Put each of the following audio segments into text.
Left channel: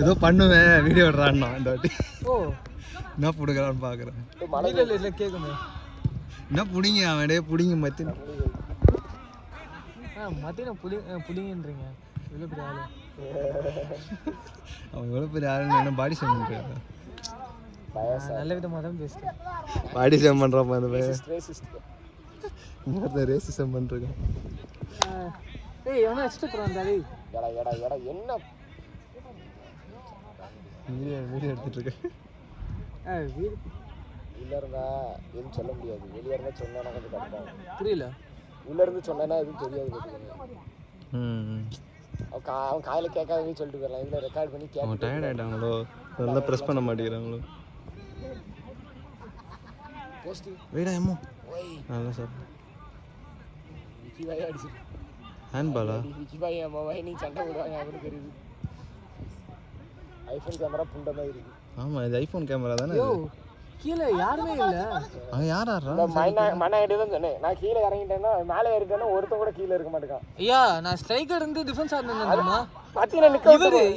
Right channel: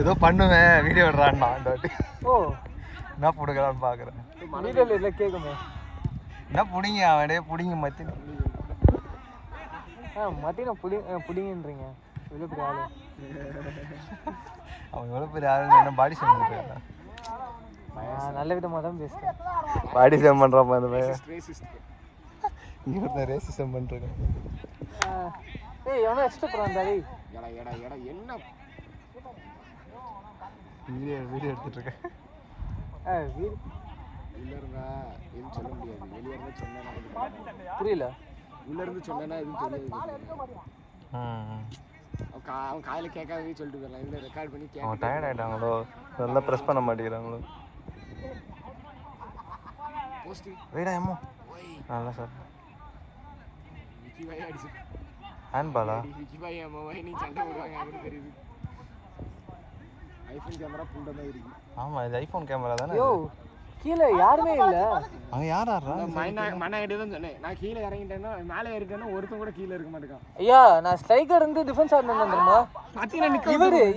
ஏதோ பண்ணுவேன் வீடியோ எடுறான்னா இந்த வாட்டி. ஓ என்ன பிடுங்கலான்னு பார்க்குறேன். வீடியோல இல்லை கேட்குமே. என்ன பிடிங்க அவனே பிடிங்க மத்தின மத்தியம் புடிங்கன்றீங்க. எவ்வளோ பெரிய ஆளு அவன் எவ்வளோ பெரிய ஆளுன்னு என்ன பாடி ஷேம் பண்ணுறான். நல்ல விதமாக தான் பேசுகிறேன். பாடி ஷேம் பண்ணுறாப்பா அந்த பையன். இங்கே ஒருத்தர் ரேசிசம் பண்ணிருக்கேன். ஏய் எவனோ எக்ஸ்ட்ரா போகிறான் தாடி. என்ன வீடியோ எடுத்துட்டு இருக்கேன். உள்ள இருந்தா எதுவும் சொல்ல முடியாது. வெளியே இருந்தா சொன்னா புரியல. உள்ள இருந்து சொன்னா எதுவும் தெரியாது. அவன் காலையில கேட்காதே சொல்லிட்டு போயிடலாம். இல்லை ரெக்கார்ட் பண்ணி கேட்க டயர்ட் ஆகிட்டாங்களோ, நல்லா ப்ரெஸ் பண்ண மாட்டேங்கிறாங்களோ. வீடா எம்மோ நல்லா சார் ஹேண்ட் பாலா நீ சண்டை போடுவாங்க அவனுக்கு தெரியுது. ஐஃபோன் கேமரா புண்ட மாதிரி இருக்கு. ஆமாம் இது ஐஃபோன் கேமரா தானே. கீழே யாருமே இல்லை. அங்கே யார் ஆடுறா? மண்ணாகிட்டே தான் சொன்னேன். நான் கீழே இறங்கிட்டேன்னா மேலே இருக்கேன்னா ஒருத்தன் கூட கீழே இருக்க மாட்டேங்கான். ஐயா நான் ஸ்ட்ரைக்கர் இருந்து டிஃபென்ஸ் ஆடினேன்.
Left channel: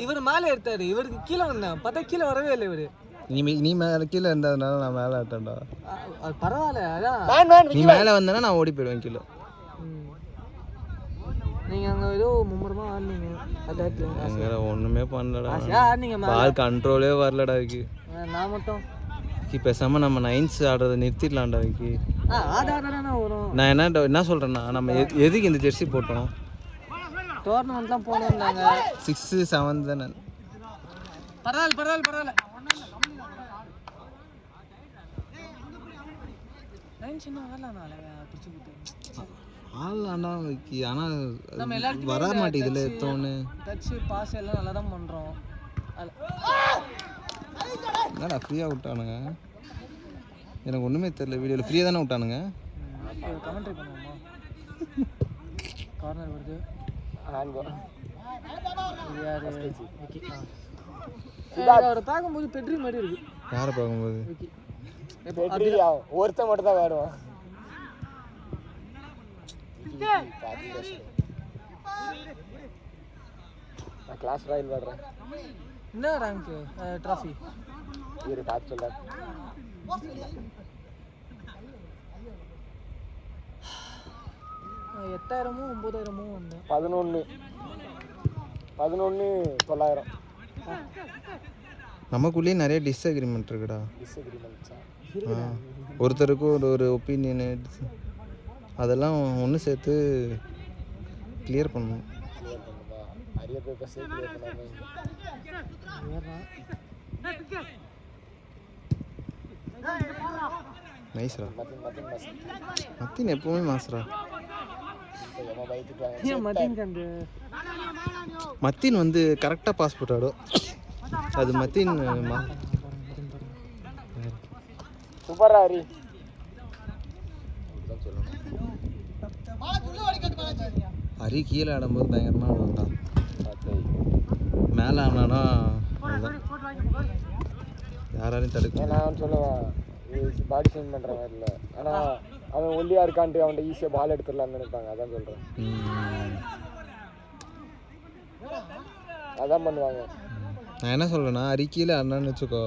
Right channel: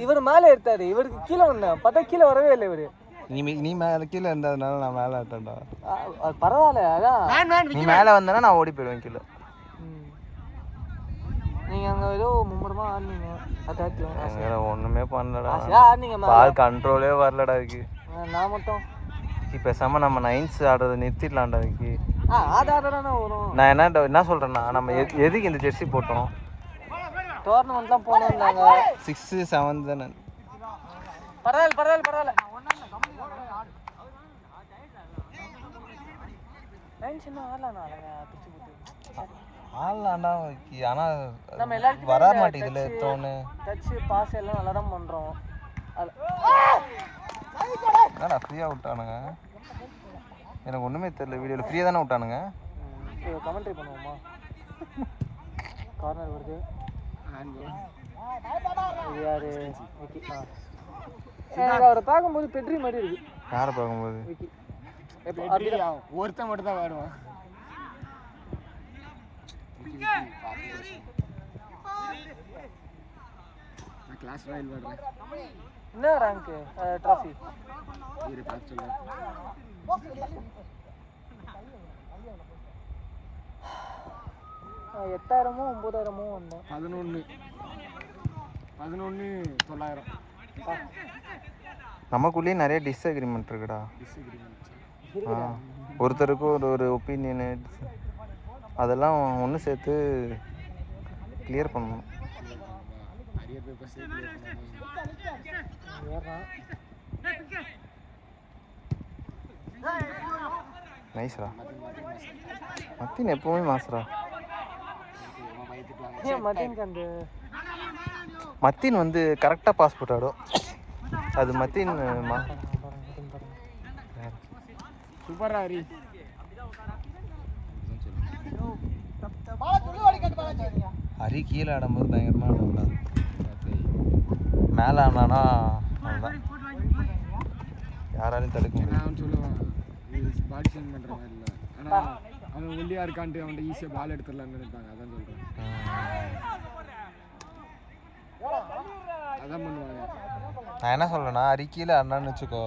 இவர் மேலே எடுத்தாரு. இவருக்கு கீழே வந்தேன் பார்த்தா கீழே வரவே இல்லை. இவரு நீ மேலே கீழே இருந்ததுனால நான் மேலே ஆட்டேன்டா. பரவாயில்ல. அதான் நீ மேலே வந்தேன்னா நான் ஓடி போயிடுவேன் கீழே. நீங்கள் அங்கே ஏதோ மும்முரமாக ஆடினீங்க. அட்டாக்ல ஒன்றுமே பண்ணலடா. ஆடினீங்க. பால் கண்ட்ரோலே வரலடா இருக்கு. நான் மட்டும் பேசாம நம்ம நைன்ஸ் ஆடுறதை நிறுத்திடலாம்டா இருக்கு. நான் என்ன சொல்றேன்னா நம்ம எதுக்கு இந்த ஜெர்சி போட்டோம்? டோர்னமெண்ட்லாம் போனோம்னாங்க. 6, 7 தானே. பரவாயில்ல ஆடலாம்டா. ஆனால் வர மாட்டேங்குதுல தோணு. டச்சு பாஸ் எல்லாம் நல்லா தான் பண்ணுறோம். என்னடா ஃப்ரீயாக விட்டானுங்க? எனக்கு ஒன்றுமே தெரியல. வீடியோவில் ஃப்ரீயாக தானே விட்டானுங்க. கமெண்ட்ரி பண்ணுவோமா? கார்னர் வருது. அவரை பார்க்கும்போது பெட்ரி மாதிரி இருக்கு. யாரை பார்க்கும்போது? ஒருத்தன் மட்டும் தான் விளையாடுவான். நான் கிளாஸ் ராயல் விளையாடுறேன். என்ன ரேங்க் ட்ராஃபி இரு பார்த்து சொல்ல. 8000மோ 9000மோ வந்தேன். 11,900. நமக்குள்ளேயே நிறைய டிஸ்அக்ரிமெண்ட் இருக்குடா. ஒருத்தருக்கு ஒரு ஒப்பீனியனு அதெல்லாம் ஒன்று சேர்த்து கிளியர் பண்ணணும். நிறைய பேப்பர்ஸ் கிளியர் பண்ணாமல் நைஸ்ரா. மத்தின் எப்பவுமே மாசுரா. மத்தின் வந்து கரெக்டாக பாஸ் போட்டாடும். அது மத்தின் சூப்பரா ஹரி. ஹரி கீழே ஆடும்போது பயங்கரமாக ஆடும்டா. மேலே ஆனானா அதுதான் யாராலையும் தடுக்க. நான் சொல்லுவேன் பாடி ஷேம் பண்ணுற மாதிரி இல்லை. ஆனால் அவன் ஒல்லியாக இருக்கான்ட்டு அவன்கிட்ட ஈஸியாக பால் எடுத்துடலான்னு நினைப்பாங்க. அதான் சொல்கிறேன். அதான் பண்ணுவாங்க. நான் என்ன சொல்கிறேன்னா ஹரி கீழே ஆடினான்னு வச்சுக்கோ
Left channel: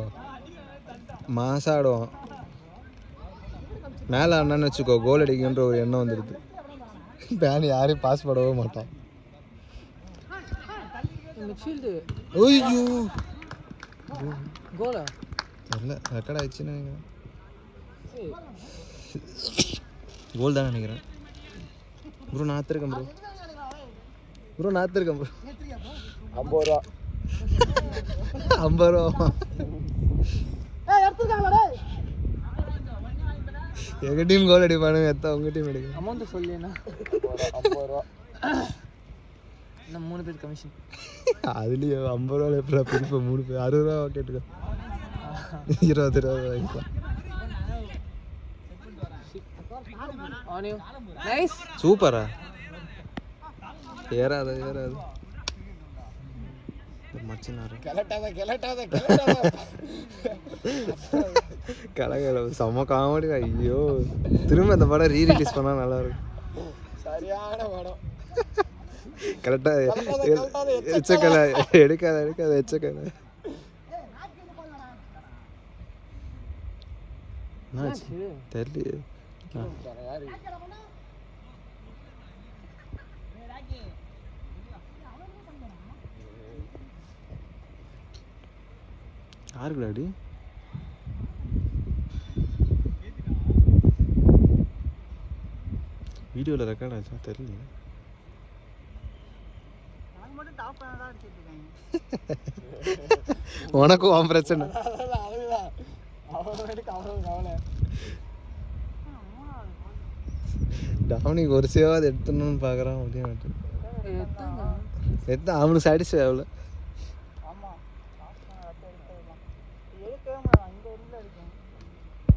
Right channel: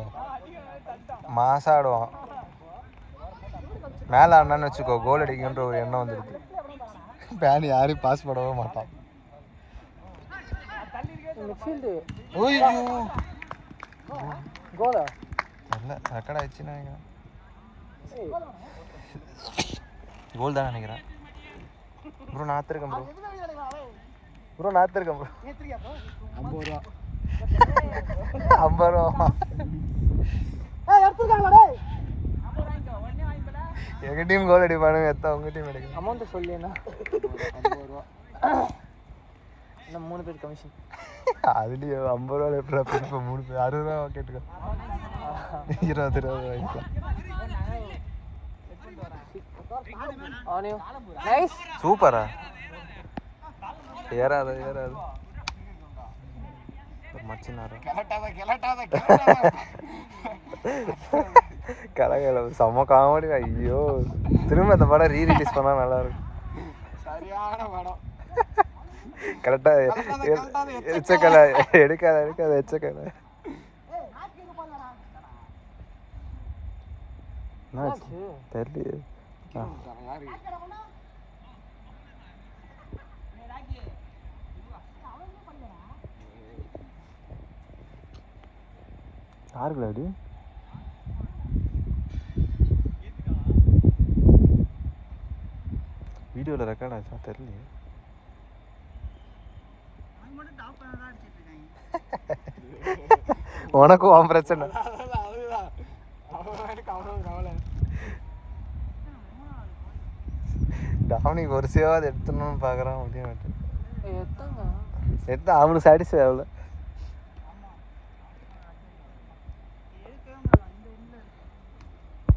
மாசாக ஆடுவான். மேலே ஆடினான்னு வச்சுக்கோ கோல் அடிக்குன்ற ஒரு எண்ணம் வந்துடுது. பேன் யாரையும் பாஸ் போடவே மாட்டான். ஐயோ கோலா தெரியல ரெக்கார்ட் ஆயிடுச்சுன்னு நினைக்கிறேன். கோல் தான் நினைக்கிறேன். ப்ரோ நான் இருக்கேன் ப்ரோ நான் இருக்கேன் ப்ரோ. 50 ரூபா 50 ரூபா எங்க டீம் கோல் அடிப்பானுங்க. எத்தா உங்க டீம் எடுக்க அமௌண்ட் சொல்லினா 50 ரூபா. நம்ம 3 பேர் கமிஷன். அதுலேயும் 50 ரூபா எப்படா பிரிப்ப? 3 பேர் 60 ரூபா கேட்டுக்கோ. 20 ரூபா வாங்கிக்கலாம். சூப்பரா ஏறாது செம்ம காமெடி. ஐயோ திரும்ப அந்த படம் ரீரிலீஸ் பண்ணா நல்லா இருக்கும். சரியான படம். கரெக்டா எச்சக்கலை எடுக்காத எச்சக்கலை. தெரியல. யாரு யாருக்கு டாடி வீடியோவில் ரெக்கார்ட் ஆச்சா தெரியல. உனக்கும் அவன் பிரச்சனை. டாமினிக்கு ஒரு சேவாது எடுத்துணும்னு பார்க்குறான், முடிய மாட்டேன். எடுத்து அவனுக்கு சாட்டிஸ்ஃபை ஆகல.